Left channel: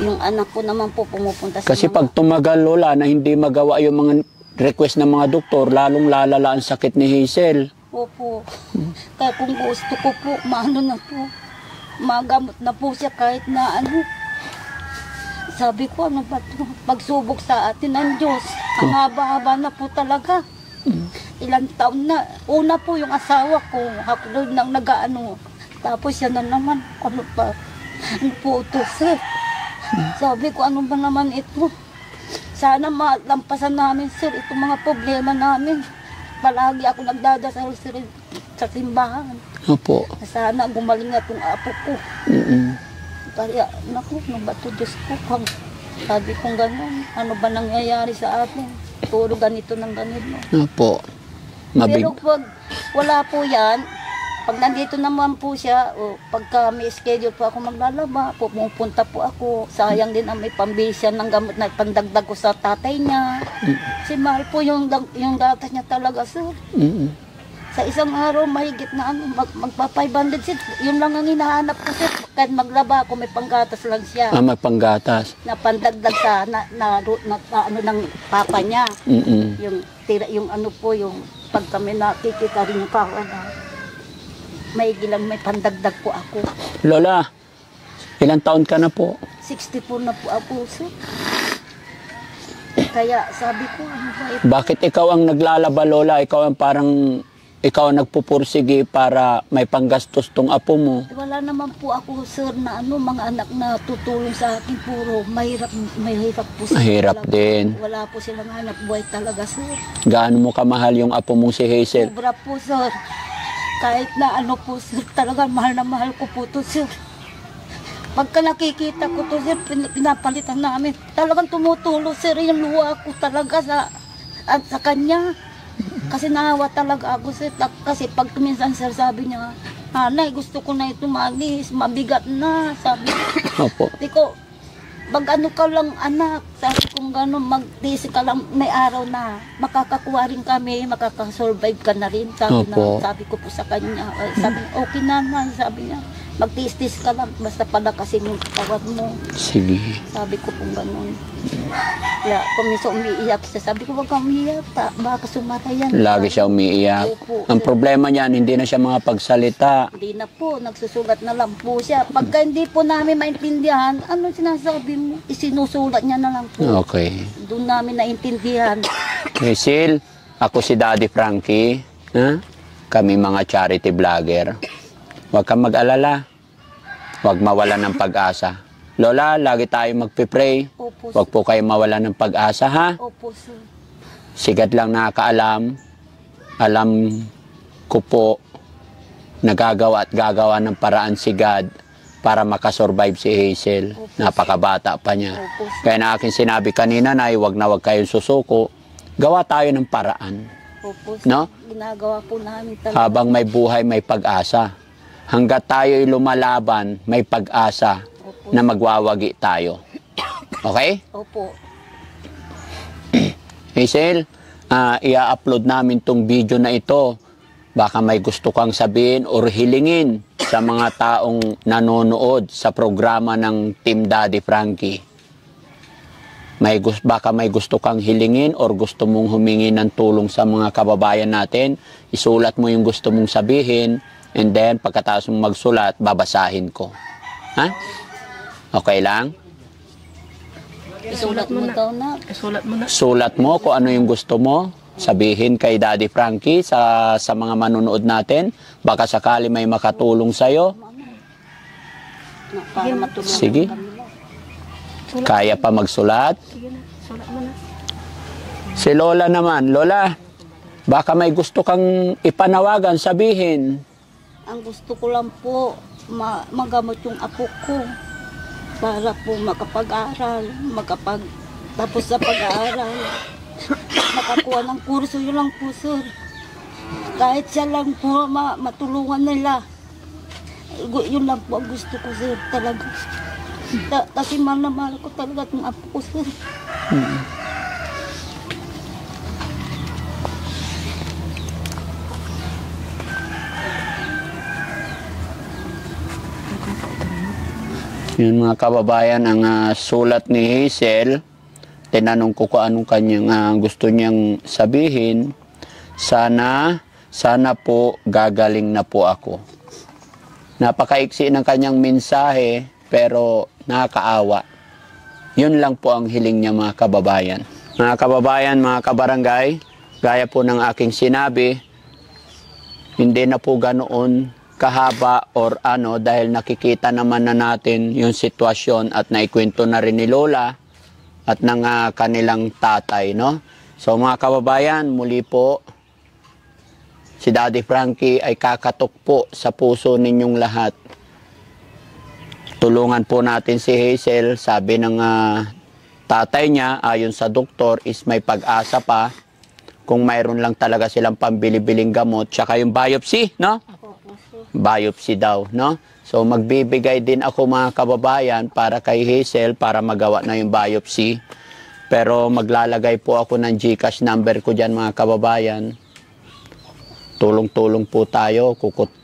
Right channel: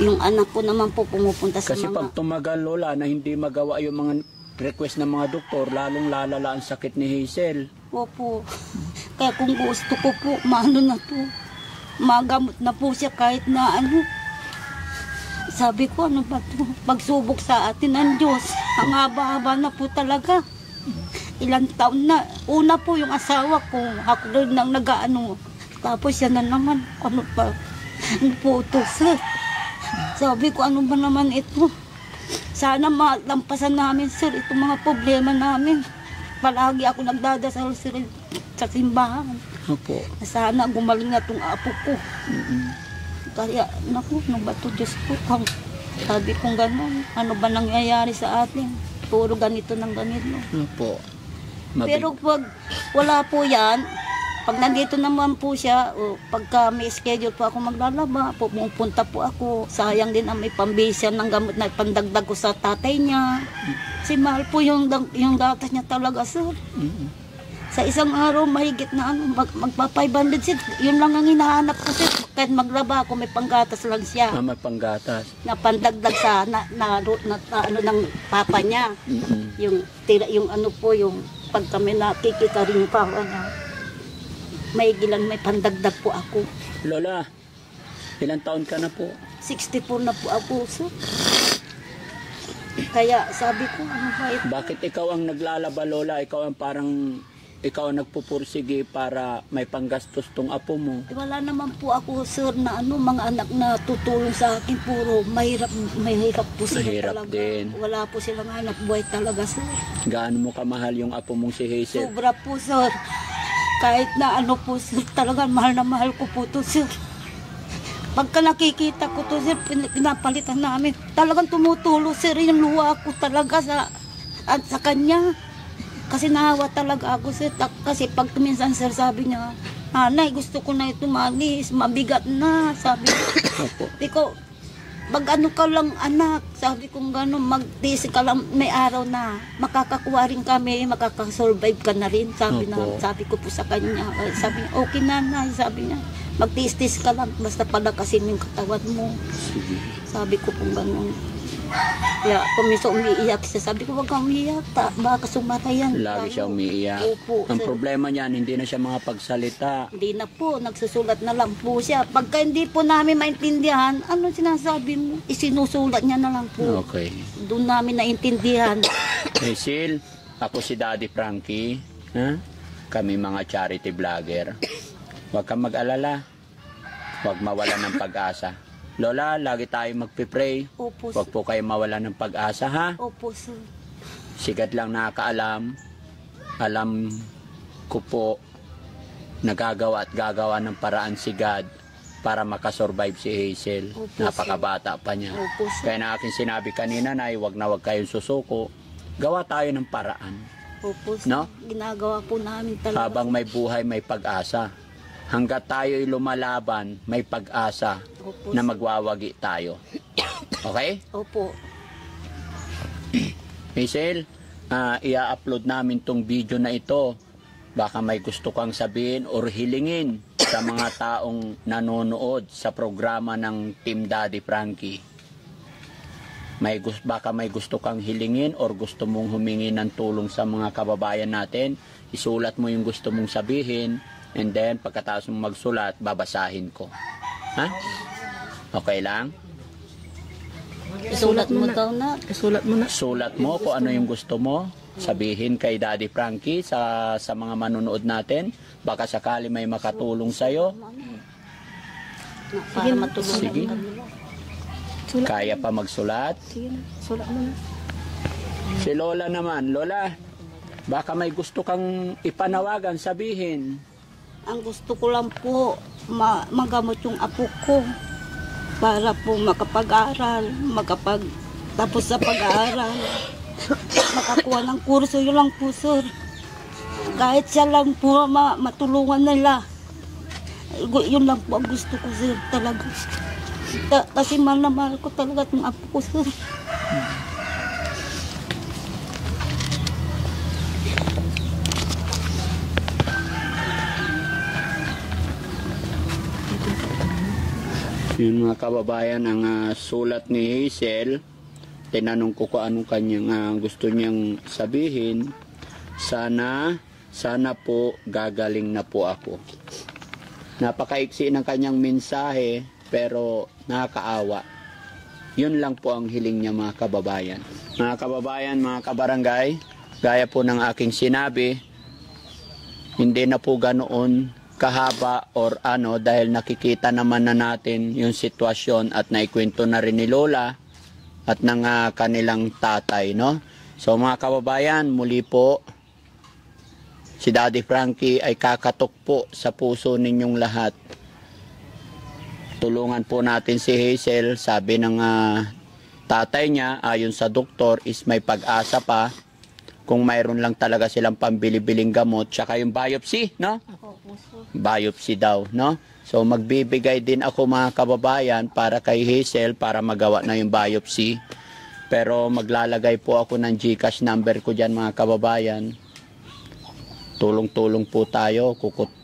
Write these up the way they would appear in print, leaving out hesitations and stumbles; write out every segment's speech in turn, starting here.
Yung anak ko naman po pumupunta sa Kasi pag tumagal, Lola, na hindi magawa yung mga request ng mga doktor, lalong lalala ang sakit ni Hazel. Opo. Kaya kung gusto ko po, maano na po. Magamot na po siya kahit na ano. Sabi ko, ano ba ito? Pagsubok sa atin ng Diyos. Ang haba-haba na po talaga. Ilang taon na. Una po yung asawa ko. Ako doon nang nag-ano. Tapos yan na naman. Ano pa? Ano po ito, sir? Sabi ko, ano ba naman ito? Sana malampasan namin, sir, itong mga problema namin. Palagi ako nagdadasal, sir, sa simbahan. Opo. Sana gumaling na itong apo ko. Kaya, naku, ano ba ito, Diyos ko? Sabi kong gano'n, ano ba nangyayari sa atin? Puro ganito ng ganito. Opo. Pero pag wala po yan, pag nandito naman po siya, o pagka may schedule po ako maglalaba, pupunta po ako. Sayang din ang may pambisyan ng gamot na pandagdag ko sa tatay niya. Kasi mahal po yung gatas niya talaga, sir. Sa isang araw, mahigit na magpa-500, sir. Yun lang ang hinahanap ko, sir. Kahit maglaba ako, may panggatas lang siya. May panggatas. Na pandagdag sa ano ng papa niya. Yung ano po, yung pag kami nakikita rin yung may pandagdag po ako. Lola, ilang taon ka na po? 64 na po ako, sir. Kaya sabi ko, ano ba ito? Bakit ikaw ang naglalaba, Lola? Ikaw ang nagpupursige para may panggastos tong apo mo. Wala naman po ako, sir, na mga anak na tutulong sa akin. Puro mahirap po sila. Mahirap din. Wala po silang anak buhay talaga, sir. Gaano mo kamahal yung apo mong si Hazel? Sobra po, sir. Kahit na ano po, sir, talaga mahal na mahal ko po to, sir. Pagka nakikita ko to, sir, pinapalitan namin. Talagang tumutulong, sir, yung luha ko talaga sa kanya. Kasi nahawa talaga ako, sir. Kasi pag minsan, sir, sabi niya, Nanay, gusto ko na ito malis, mabigat na. Sabi ko, mag-ano ka lang, anak. Sabi kong gano'n, mag-tisi ka lang, may araw na makakakuha rin kami, makakasurvive ka na rin. Sabi ko po sa kanya, sabi niya, okay nanay, sabi niya, mag-tis-tis ka lang, basta palakasin yung katawan mo. Sige. Sabi ko po gano'n. Kaya kumiso umiiyak siya, sabi ko, huwag kang umiiyak, baka sumatayan. Lagi siya umiiyak. Opo, ang problema niyan, hindi na siya makapagsalita. Hindi na po, nagsusulat na lang po siya. Pagka hindi po namin maintindihan, ano sinasabi mo? Isinusulat niya na lang po. Okay. Doon namin naintindihan. Hazel, ako si Daddy Frankie. Kami mga charity vlogger. Huwag kang mag-alala. Huwag mawala ng pag-asa. Lola, lagi tayo magpipray. Opo, Huwag po kayo mawala ng pag-asa, ha? Opo, sir. Sigat lang nakakaalam. Alam ko po, nagagawa at gagawa ng paraan si God para makasurvive si Hazel. Napakabata pa niya. Kaya na akin sinabi kanina, Nay, huwag na huwag kayong susuko. Gawa tayo ng paraan. Opo, sir. No? Ginagawa po namin talaga. Habang may buhay, may pag-asa. Hanggat tayo'y lumalaban, may pag-asa na magwawagi tayo. Okay? Opo. Hazel, i-upload namin tong video na ito. Baka may gusto kang sabihin or hilingin sa mga taong nanonood sa programa ng Team Daddy Frankie. Baka may gusto kang hilingin or gusto mong humingi ng tulong sa mga kababayan natin. Isulat mo yung gusto mong sabihin and then pagkatapos mong magsulat, babasahin ko. Ha? Okay lang? Isulat mo na. Isulat mo na. Sulat mo kung ano yung gusto mo. Sabihin kay Daddy Frankie sa mga manonood natin. Baka sakali may makatulong sa'yo. Para matulungan Sige. kami. Kaya pa magsulat? Sige na, sulat mo na. Si Lola naman. Lola, baka may gusto kang ipanawagan, sabihin. Ang gusto ko lang po, magamot yung apo ko. Para po makapag-aral, tapos sa pag-aaral, makakuha ng kurso, yun lang po, sir. Kahit siya lang po matulungan nila. Yun lang po ang gusto ko, sir, talaga. Kasi mahal na mahal ko talaga itong apo ko, sir. Yun mga kababayan, ang sulat ni Hazel. Tinanong ko kung anong kanyang gusto niyang sabihin. Sana po gagaling na po ako. Napakaiksi ng kanyang mensahe pero nakakaawa. Yun lang po ang hiling niya mga kababayan. Mga kababayan, mga kabarangay, gaya po ng aking sinabi, hindi na po ganoon kahaba or dahil nakikita naman na natin yung sitwasyon at naikwento na rin ni Lola at ng kanilang tatay, no? So mga kababayan, muli po, si Daddy Frankie ay kakatok po sa puso ninyong lahat. Tulungan po natin si Hazel. Sabi ng tatay niya, ayon sa doktor, is may pag-asa pa kung mayroon lang talaga silang pambili-biling gamot. Tsaka yung biopsy, no? Biopsy daw, no? So magbibigay din ako mga kababayan para kay Hazel para magawa na yung biopsy. Pero maglalagay po ako ng GCash number ko dyan mga kababayan. Tulong-tulong po tayo.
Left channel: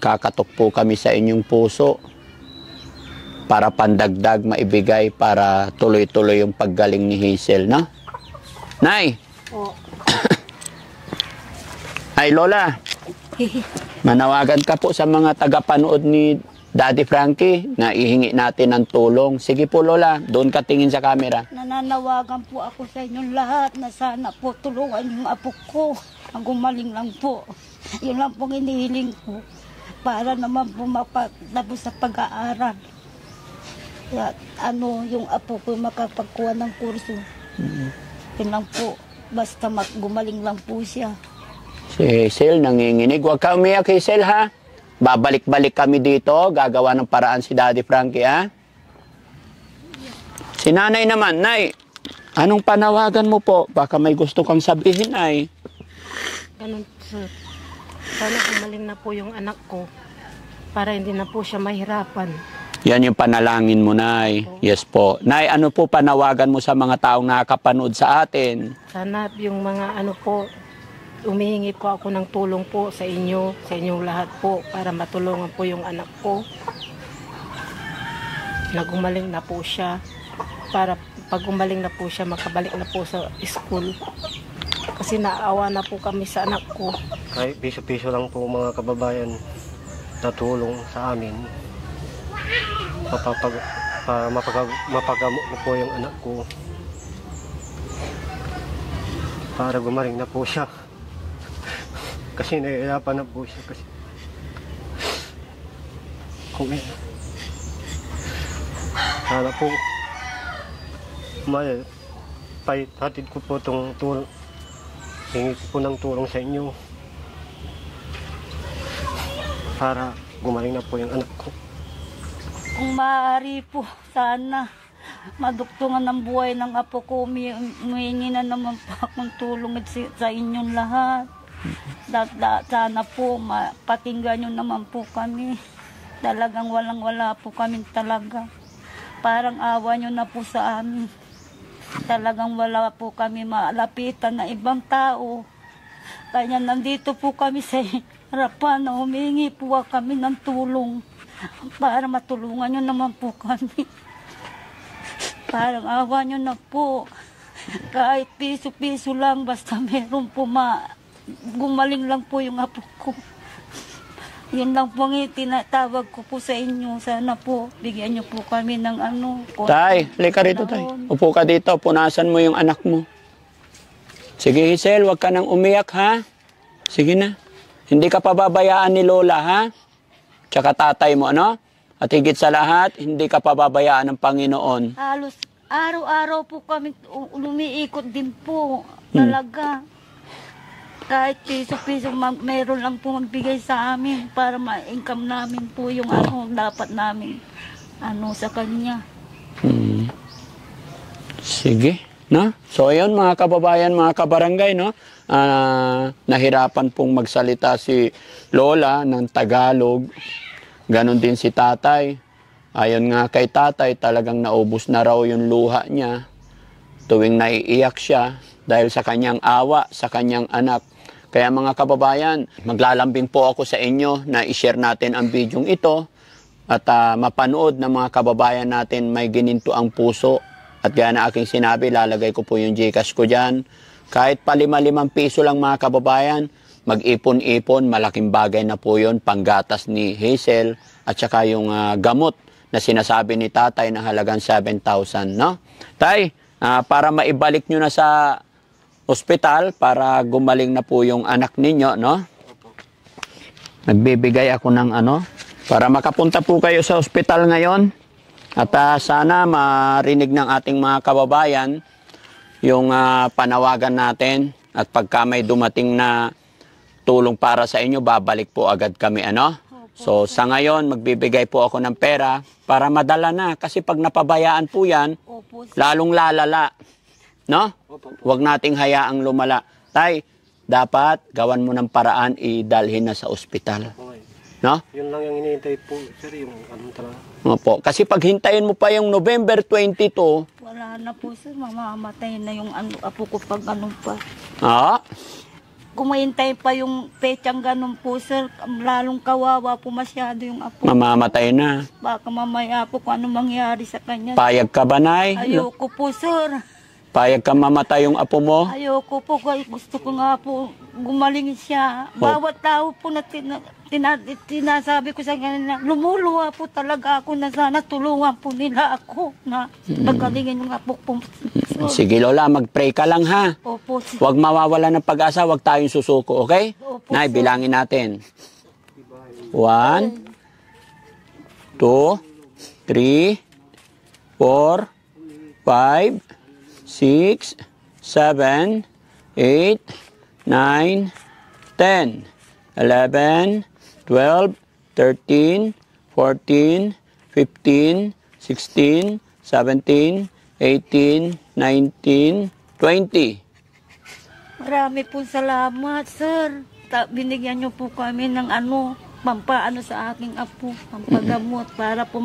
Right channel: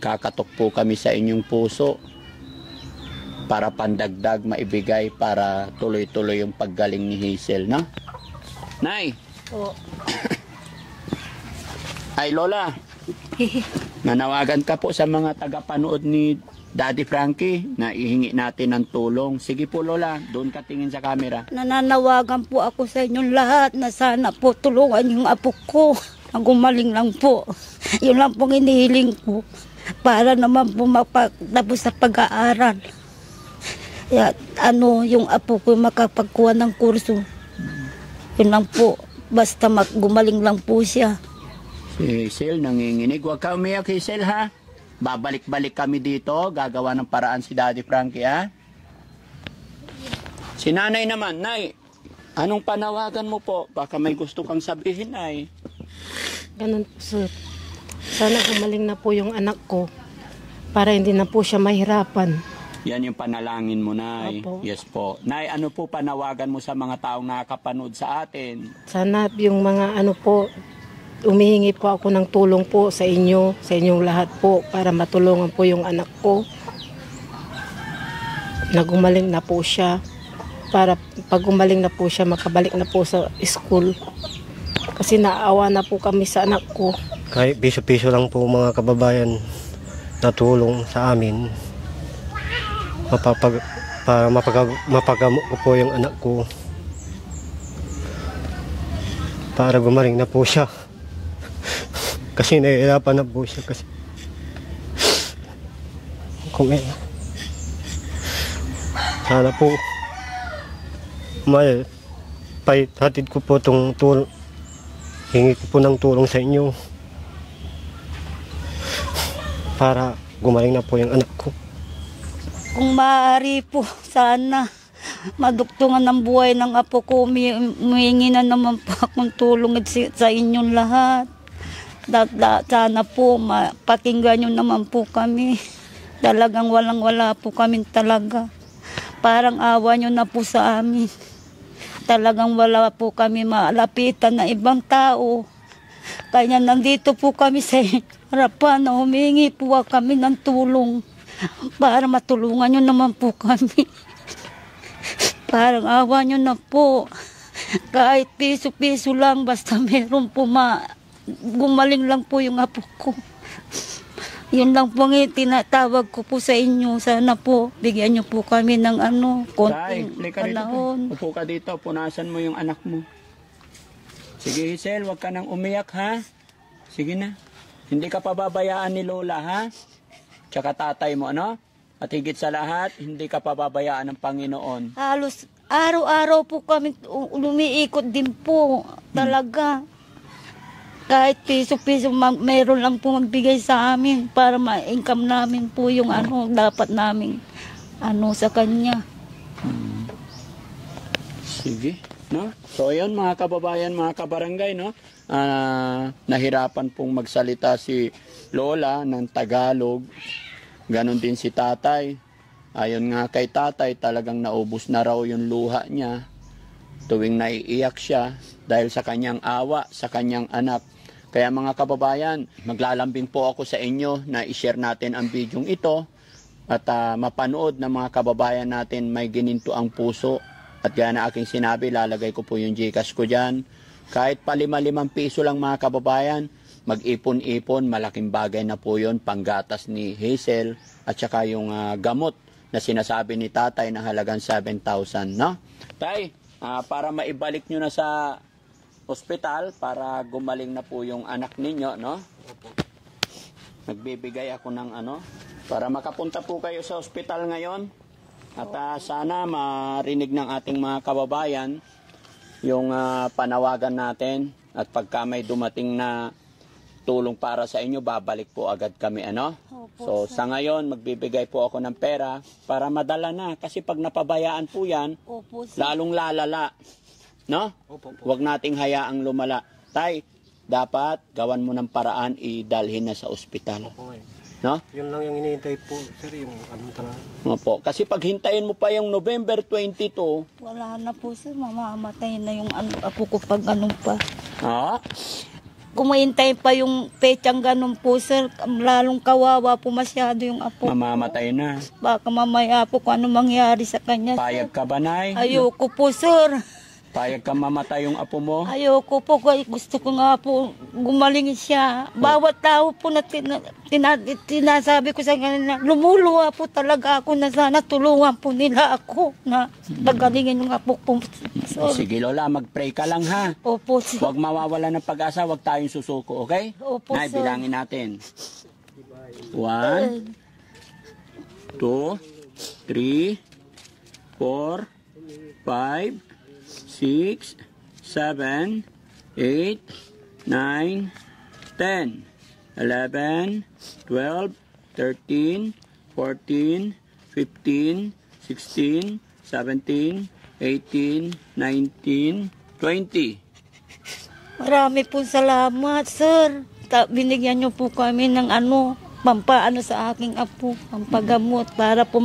Kakatok po kami sa inyong puso para pandagdag maibigay para tuloy-tuloy yung paggaling ni Hazel, no? Nay! Po. Ay, Lola! Nanawagan ka po sa mga tagapanood ni Daddy Frankie na ihingi natin ng tulong. Sige po, Lola, doon ka tingin sa camera. Nananawagan po ako sa inyong lahat na sana po tulungan yung apo ko. Ang gumaling lang po. Yun lang pong inihiling ko para naman po mapagtapos sa pag-aaral. Kaya, yung apo ko makapagkuha ng kurso. Yun lang po. Basta gumaling lang po siya. Si Hazel nanginginig. Huwag ka umiyak, Hazel, ha? Babalik-balik kami dito. Gagawa ng paraan si Daddy Frankie, ha? Si Nanay naman. Nay, anong panawagan mo po? Baka may gusto kang sabihin, Nay. Ganun po, sir. Sana gumaling na po yung anak ko para hindi na po siya mahirapan. Yan yung panalangin mo, Nay. Opo. Yes po. Nay, ano po panawagan mo sa mga taong nakakapanood sa atin? Sana yung mga umihingi po ako ng tulong po sa inyong lahat po para matulungan po yung anak ko. Nagumaling na po siya para pag gumaling na po siya makabalik na po sa school. Kasi naawa na po kami sa anak ko. Kahit piso-piso lang po mga kababayan na tulong sa amin para mapagamot ko po yung anak ko para gumaling na po siya. Kasi nahihirapan na po siya kasi kung sana po hatid ko po itong tulong, hingi ko po ng tulong sa inyo para gumaling na po yung anak ko. Kung maaari po, sana maduktungan ng buhay ng apo ko. Humingi na naman po akong tulong sa inyong lahat. Sana po mapakinggan nyo naman po kami. Talagang walang-wala po kami talaga. Parang awa nyo na po sa amin. Talagang wala po kami malapitan na ibang tao. Kaya nandito po kami sa harapan na humingi po kami ng tulong para matulungan nyo naman po kami. Parang awa nyo na po. Kahit piso-piso lang, basta meron po gumaling lang po yung apo ko. Yun lang po nga tinatawag ko po sa inyo. Sana po, bigyan nyo po kami ng Tay, lika rito, Tay. Upo ka dito, punasan mo yung anak mo. Sige, Hazel, huwag ka nang umiyak, ha? Sige na. Hindi ka pababayaan ni Lola, ha? Tsaka tatay mo, ano? At higit sa lahat, hindi ka pababayaan ng Panginoon. Halos araw-araw po kami lumiikot din po. Talaga. Kahit piso-piso, meron lang po magbigay sa amin para ma-income namin po yung dapat namin sa kanya. Sige, no? So ayun mga kababayan, mga kabarangay, no? Nahirapan pong magsalita si Lola ng Tagalog. Ganon din si tatay. Ayon nga kay tatay, talagang naubos na raw yung luha niya tuwing naiiyak siya dahil sa kanyang awa, sa kanyang anak. Kaya mga kababayan, maglalambing po ako sa inyo na i-share natin ang bidyong ito at mapanood ng mga kababayan natin may gininto ang puso. At gaya na aking sinabi, lalagay ko po yung GCash ko dyan. Kahit pa 5 piso lang mga kababayan, mag-ipon-ipon, malaking bagay na po yun, panggatas ni Hazel at saka yung gamot na sinasabi ni tatay ng halagang 7,000, no? Tay, para maibalik nyo na sa ospital, para gumaling na po yung anak ninyo, no? Nagbibigay ako ng para makapunta po kayo sa ospital ngayon. At sana marinig ng ating mga kababayan yung panawagan natin. At pagka may dumating na tulong para sa inyo, babalik po agad kami, So sa ngayon, magbibigay po ako ng pera para madala na. Kasi pag napabayaan po yan, lalong lalala. No? Huwag nating hayaang lumala. Tay, dapat gawan mo ng paraan, idalhin na sa ospital. No? Yun lang yung iniintay po, sir, yung talaga. Opo. Kasi pag hintayin mo pa yung November 22, Wala na po sir, mamamatay na yung apo ko pag ganun pa. Kumahintay pa yung petsang ganun po sir, lalong kawawa po masyado yung apo. mamamatay na. Baka mamaya po kung ano mangyari sa kanya. Payag ka ba, Nay? Ayoko po sir. Payag ka mamatay yung apo mo? Ayoko po, gusto ko nga po gumaling siya. Bawat tao po na tinasabi ko sa kanya, lumuluwa po talaga ako na sana tulungan po nila ako na nagalingin yung apo po. Sige Lola, mag-pray ka lang ha. Opo, sir. Huwag mawawala ng pag-asa, huwag tayong susuko, okay? Opo, Nay, sir. bilangin natin. 1, 2, 3, 4, 5, 6, 7, 8, 9, 10, 11, 12, 13, 14, 15, 16, 17, 18, 19, 20. Marami po salamat, sir. Binigyan niyo po kami ng pampaano sa aking apo, pampagamot para po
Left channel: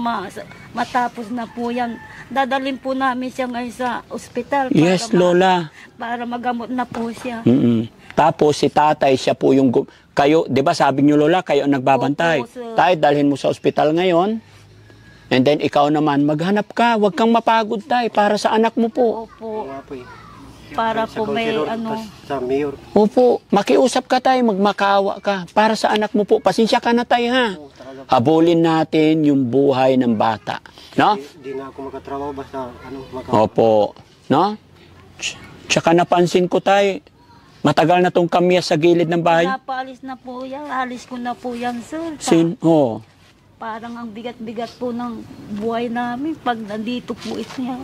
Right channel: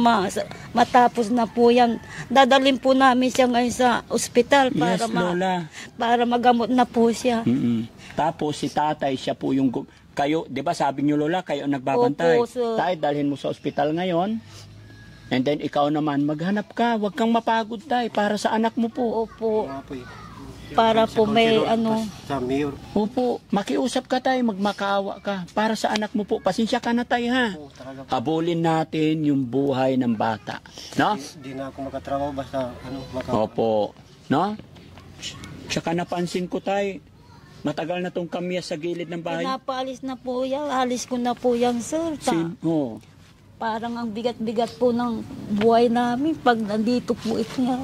matapos na po yan. Dadalhin po namin siya ngayon sa ospital para, Yes, Lola. para magamot na po siya. Tapos si tatay, siya po yung... Kayo, di ba sabi niyo Lola, kayo ang nagbabantay. Opo, sir. Tay, dalhin mo sa ospital ngayon. And then ikaw naman, maghanap ka. Huwag kang mapagod, tay, para sa anak mo po. Opo, Nga po eh. para po may Sa mayor. Opo, makiusap ka tayo, magmakaawa ka. Para sa anak mo po, pasensya ka na tayo ha. Habulin natin yung buhay ng bata. No? Di na ako makatrabaho basta Opo. No? Tsaka napansin ko tayo, matagal na tong kamyas sa gilid ng bahay. Napaalis na po yan. Alis ko na po yan, sir. Parang ang bigat-bigat po ng buhay namin pag nandito po ito niya.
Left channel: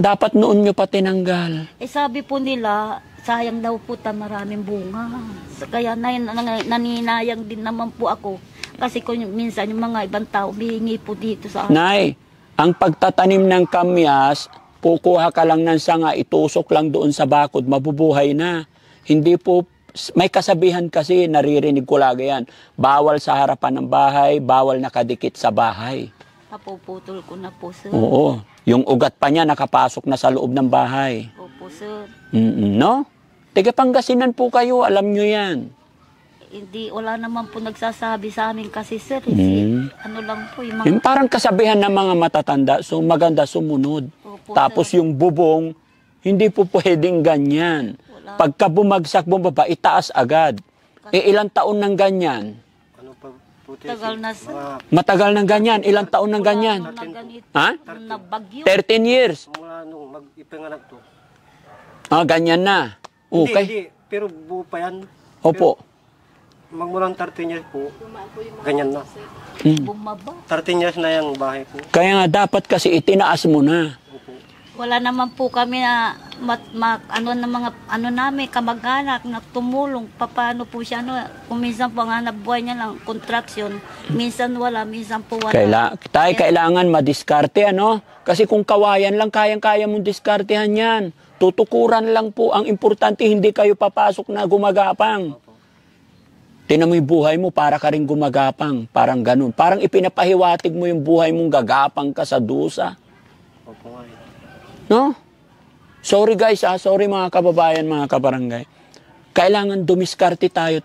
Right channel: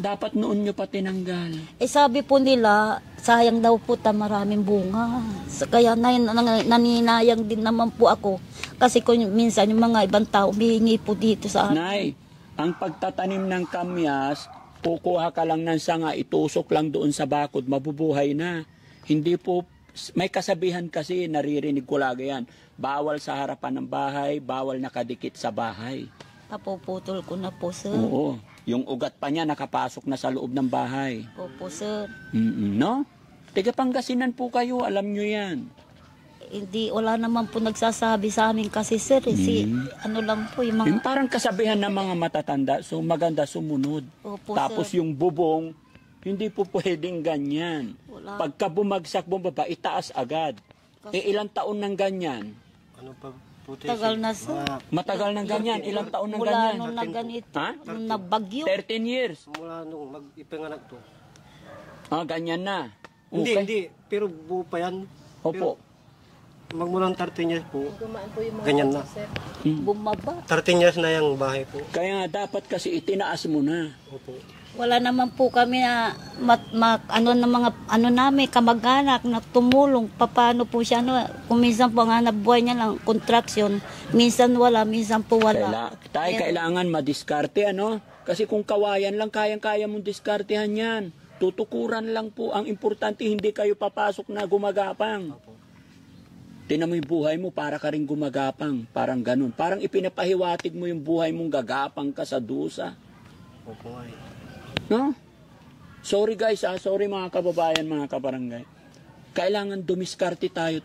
Dapat noon nyo pa tinanggal. Sabi po nila, sayang daw po maraming bunga. Kaya naninayang din naman po ako. Kasi kung minsan yung mga ibang tao, bihingi po dito sa akin. Nay, ang pagtatanim ng kamyas, kukuha ka lang ng sanga, itusok lang doon sa bakod, mabubuhay na. Hindi po, may kasabihan kasi, naririnig ko lagi yan. Bawal sa harapan ng bahay, bawal nakadikit sa bahay. Napuputol ko na po, sir. Oo. Yung ugat pa niya nakapasok na sa loob ng bahay. Opo, sir. No? Tiga Pangasinan po kayo, alam nyo yan. Hindi, wala naman po nagsasabi sa amin kasi, sir. Ano lang po, yung mga... Yung parang kasabihan ng mga matatanda, so maganda sumunod. Opo, Tapos sir. yung bubong, hindi po pwedeng ganyan. Wala. Pagka bumagsak bumaba, itaas agad. Ilang taon ng ganyan? Ano pa puti? Tagal na, sir. Matagal ng ganyan. Ilang taon ng ganyan? Nung nagganito, Ha? nung nagbagyo. 13 years. Mula nung mag-ipanganak to. Ganyan na. Okay. Hindi. Pero buo pa yan. Opo. Magmulang 13 years po. Ganyan na. Bumaba. 13 years na yung bahay po. Kaya nga dapat kasi itinaas mo na. Wala naman po kami na namin kamag-anak na tumulong paano po siya kung minsan po nga nabuhay niya lang contraction, minsan wala, minsan po wala. Kailangan madiskarte kasi kung kawayan lang kayang-kaya mong diskartehan yan. Tutukuran lang po, ang importante hindi kayo papasok na gumagapang. Tinan mo yung buhay mo, para ka rin gumagapang, parang ganun. Parang ipinapahiwatig mo yung buhay mong gagapang ka sa dusa. No? Sorry guys, sorry mga kababayan, mga kabarangay. Kailangan dumiskarte tayo.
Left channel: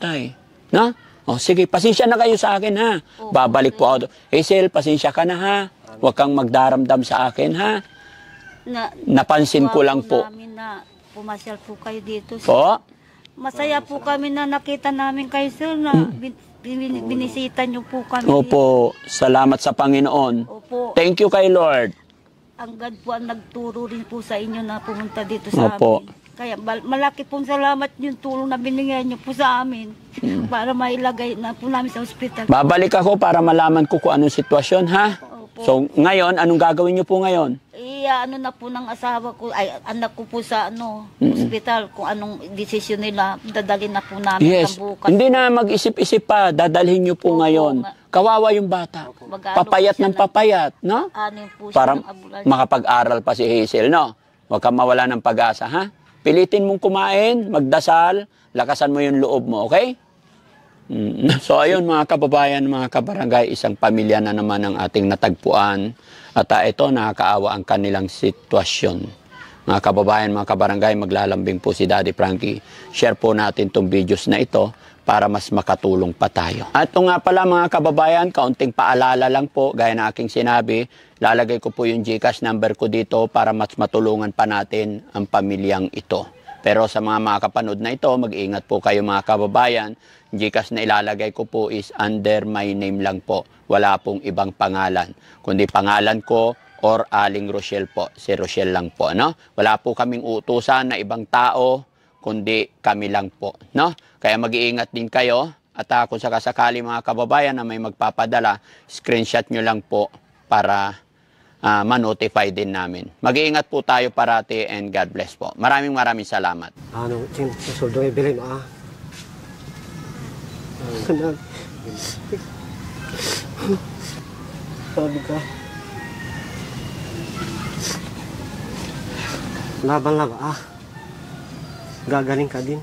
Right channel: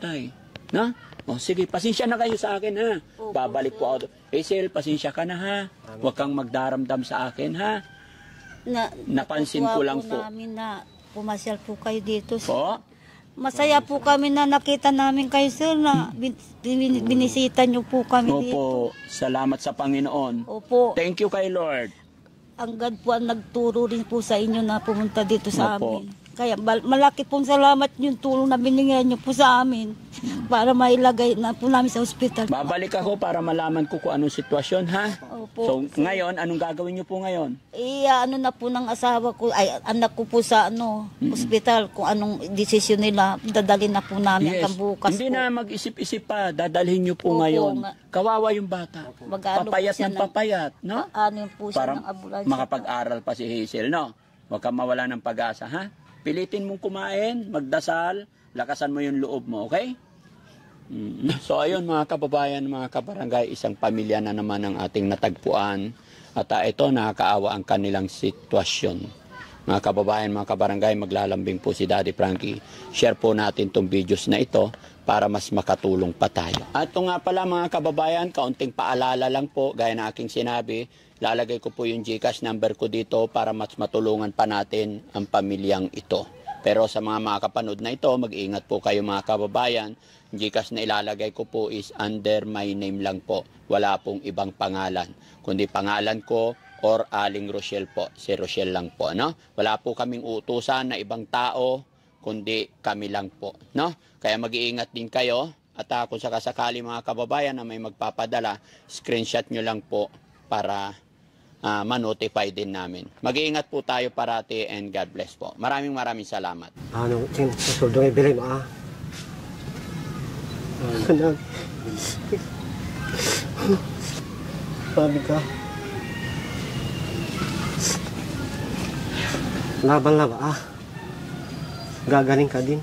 No? O sige, pasensya na kayo sa akin ha. Babalik po ako. Hazel, pasensya ka na ha. Huwag kang magdaramdam sa akin ha. Napansin ko lang po. Namin na pumasyal po kayo dito. Sir. Po? Masaya po kami na nakita namin kayo, sir, na binisita niyo po kami. Opo, salamat sa Panginoon. Opo. Thank you kay Lord. Ang God po ang nagturo rin po sa inyo na pumunta dito sa Opo. amin. Kaya malaki pong salamat yung tulong na binigyan niyo po sa amin para mailagay na po namin sa ospital. Babalik ako para malaman ko kung anong sitwasyon ha. Opo. So ngayon, anong gagawin niyo po ngayon? Ano na po ng asawa ko, ay anak ko po sa ospital, kung anong desisyon nila, dadalhin na po namin Yes, bukas. hindi na mag-isip-isip pa, dadalhin niyo po Opo, ngayon. nga. Kawawa yung bata. Mag-aalok Papayat siya ng papayat, no? Ano po siya Para ng ambulansya. makapag-aral pa si Hazel, no? Huwag kang mawala ng pag-asa, ha? Pilitin mong kumain, magdasal, lakasan mo yung loob mo, okay? So ayun mga kababayan, mga kabarangay, isang pamilya na naman ang ating natagpuan. At ito, nakakaawa ang kanilang sitwasyon. Mga kababayan, mga kabarangay, maglalambing po si Daddy Frankie. Share po natin itong videos na ito para mas makatulong pa tayo. At ito nga pala mga kababayan, kaunting paalala lang po, gaya na aking sinabi, lalagay ko po yung GCash number ko dito para mas matulungan pa natin ang pamilyang ito. Pero sa mga makakapanood na ito, mag-iingat po kayo mga kababayan. GCash na ilalagay ko po is under my name lang po. Wala pong ibang pangalan. Kundi pangalan ko or Aling Rochelle po. Si Rochelle lang po, no? Wala po kaming utusan na ibang tao, kundi kami lang po, no? Kaya mag-iingat din kayo. At kung sakasakali mga kababayan na may magpapadala, screenshot nyo lang po para ma-notify din namin. Mag-iingat po tayo parati and God bless po. Maraming salamat. Ano, suldong ibili mo Anak. Sabi ka. Laban lang Gagaling ka din.